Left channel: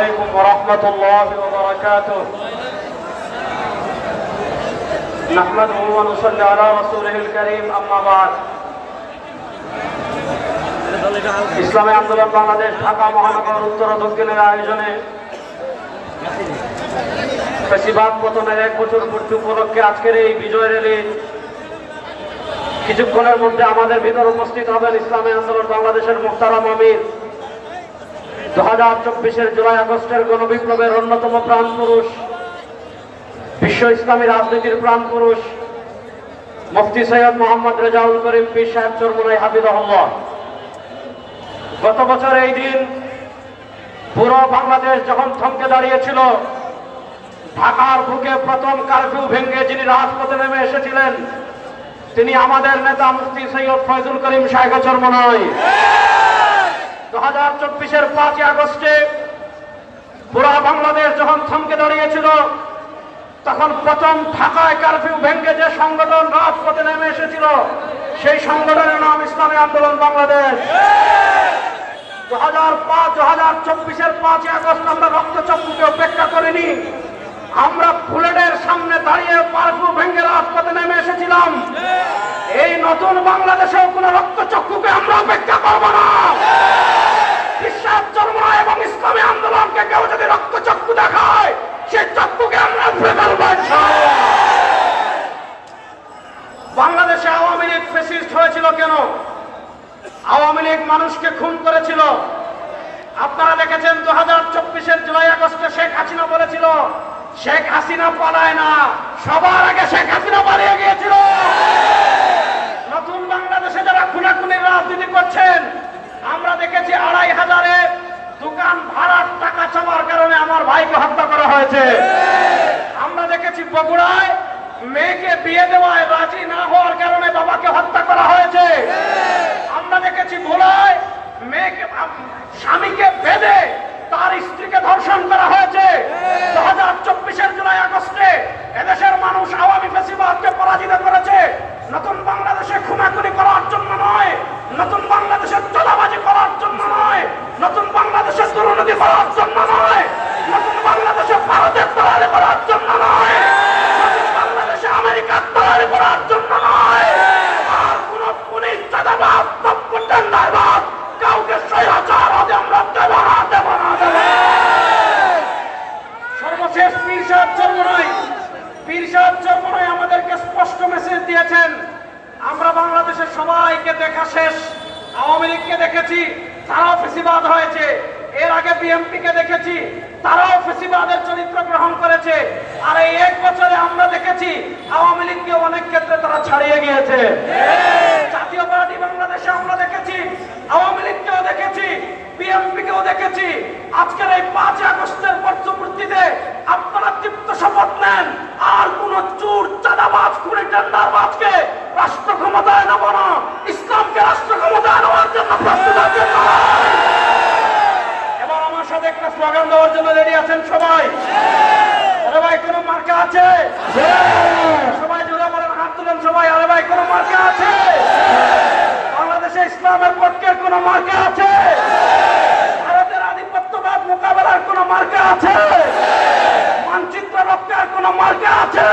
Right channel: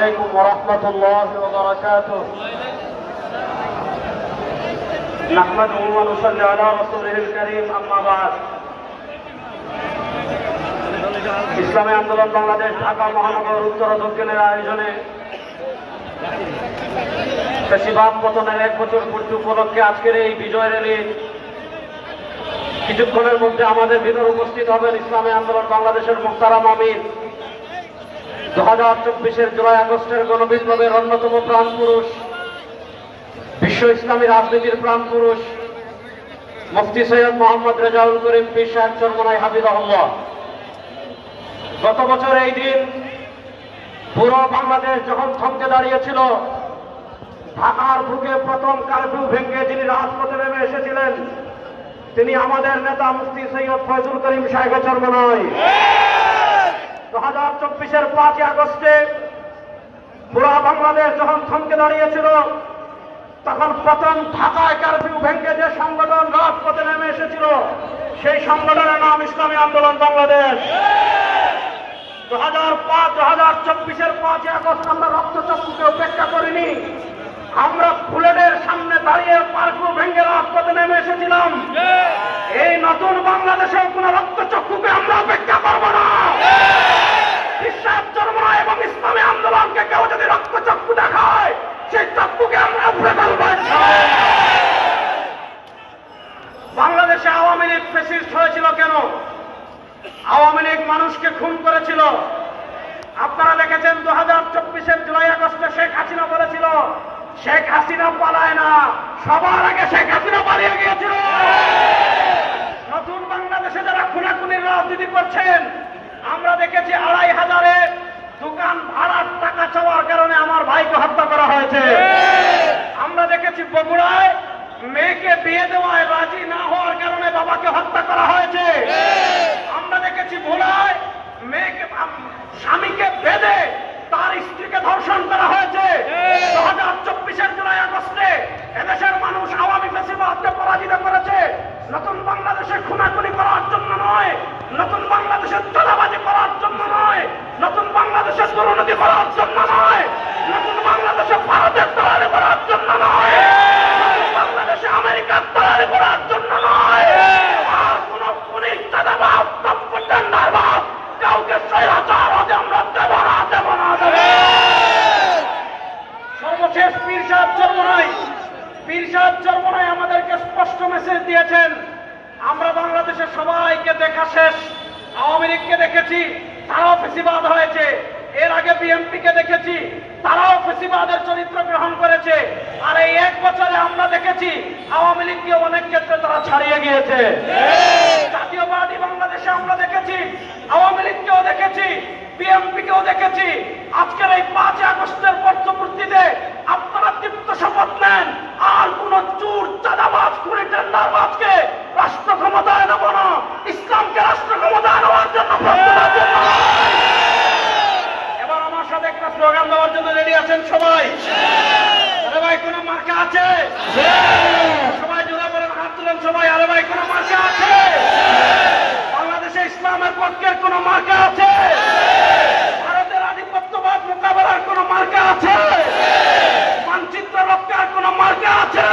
عليكم ورحمة الله وبركاته نحمده ونصلي على رسوله الكريم أما بعد ইসলামী আন্দোলন বাংলাদেশ ঢাকা মহানগর উত্তর ও দক্ষিণের আয়োজনে ফ্যাসিবাদ পতনের 1 বছর পূর্তি উপলক্ষে আজকের এই বিজয় র্যালি কিছুক্ষণের মধ্যে আমাদের ভিতর উপস্থিত হবেন ইসলামী আন্দোলন বাংলাদেশের মুহতারাম আমির 2024-এর জুলাই আগস্টের গণবিপ্লবের অন্যতম প্রাণ পুরুষ বিশ্ব ইসলামী রাজনীতির প্রাণ পুরুষ মুফতি সৈয়দ মোহাম্মদ রেজাউল করিম পীর সাহেব চরমোনাই হাফিজাহুল্লাহ। গত বছর এই দিন পুরো বাংলাদেশ যখন থমকে দাঁড়িয়েছিল, ঢাকার বুকে প্রথম কারফিউ ভেঙে যিনি রাজপথে নেমে এসেছিলেন তিনি আমাদের নেতা মুফতি সৈয়দ ফয়জুল করিম সাহেব চরমোনাই। 2024-এর 5 আগস্টে পুরো বাংলাদেশ যখন থমকে দাঁড়িয়েছিল তখন প্রথম ঢাকায় কারফিউ ভেঙে যে সংগঠন রাজপথে নেমে এসেছিল সেই সংগঠনের নাম ইসলামী আন্দোলন বাংলাদেশ। 2024-এর 5 আগস্ট আমরা রক্তচক্ষুকে উপেক্ষা করিনি, আমরা বুলেটের সামনে দাঁড়িয়ে কারফিউ ভেঙে রাজপথে নেমে এসেছিলাম। এই নতুন বাংলাদেশেও কোন রক্তচক্ষুকে আমরা উপেক্ষা করব না। বিশ্বাস চরমোনাই এবং ইসলামী আন্দোলনকে কেউ যদি রক্তচক্ষু দেখায় সেই চক্ষুকে আমরা উপড়ে ফেলব। বাংলাদেশে আওয়ামী লীগ ফ্যাসিস্ট হয়েছিল কেন? আওয়ামী লীগ মানুষকে খুন করেছিল। আপনারা দেখেছেন 2024-এর জুলাই আগস্টে শেখ হাসিনা বলেছিল শেখ হাসিনা পালায় না, সবার আগে শেখ হাসিনা পালিয়ে গিয়েছিল। নতুন বাংলাদেশে যারা খুনাখুনির রাজনীতি করছেন, আমরা দেখেছি 2500-এ দোকান ভাড়ার টাকা চাওয়ার কারণে আমার ভাইকে হত্যা করা হয়েছে। আমরা দেখেছি বগুড়ায় মেয়েকে বিয়ে দেওয়ায় রাজি না হওয়ার কারণে বাবাকে হত্যা করা হয়েছে। আমরা দেখেছি ভোলায় মেয়েকে স্বামীকে বেঁধে তার স্ত্রীকে ধর্ষণ করা হয়েছে। 2024-এর জুলাই আগস্টে এদেশের মানুষ আওয়ামী ফ্যাসিবাদকে পরাজিত করেছে। নতুন বাংলাদেশে খুনাখুনি করার জন্য নয়, নতুন বাংলাদেশে চাঁদাবাজি করার জন্য নয়, নতুন বাংলাদেশে দুর্নীতি করার জন্য নয়, নতুন বাংলাদেশে ভারতের তৈরি করার জন্য নয়, নতুন বাংলাদেশে আমেরিকার তৈরি করার জন্য নয়। আর কোন খুনি চাঁদাবাজ টেন্ডারবাজ কাউকে স্বৈরাচার হতে আমরা দেব না, দেব না, দেব না। সর্বশেষ পীর সাহেব চরমোনাই আমাদেরকে স্পষ্ট মেসেজ দিয়েছেন, আমরা বাংলাদেশের সবাইকে দেখা শেষ। আওয়ামী লীগকে দেখেছি, তারাও ফ্যাসিবাদ হয়েছে। এর আগে বিএনপিকে দেখেছি, তারাও ফ্যাসিবাদের চরিত্র গ্রহণ করেছে। আর এই 1 বছরে আমরা দেখেছি আওয়ামী লীগকে অনেক ক্ষেত্রে তারা ছাড়িয়ে গিয়েছে। জাতীয় পার্টি বাংলাদেশে আমরা দেখেছি, আওয়ামী লীগকেও দেখেছি, বিএনপিকেও দেখেছি। আজকের এই 5 আগস্টের বর্ষপূর্তিতে আপনারা তৃপ্ত শপথ নেন, আর কোন চোর চাঁদাবাজ খুনি টেন্ডারবাজকে রাষ্ট্র ক্ষমতায় নেব না, ইসলামকে রাষ্ট্র ক্ষমতায় নেওয়ার জন্য প্রস্তুত আছেন। এবার আমার সাথে একটা স্লোগান দেওয়ার জন্য রেডি আছেন সবাই? আরে ভাই কোন মার্কা আছে? সবাই জোরে বলেন, হাত তুলেন সবাই। আরে ভাই কোন মার্কা আছে? বাংলাদেশে ইসলামের পক্ষের কোন মার্কা আছে? ভারতের আধিপত্যবাদ মোকাবেলার কোন মার্কা আছে? মানচিত্র রক্ষার কোন মার্কা আছে?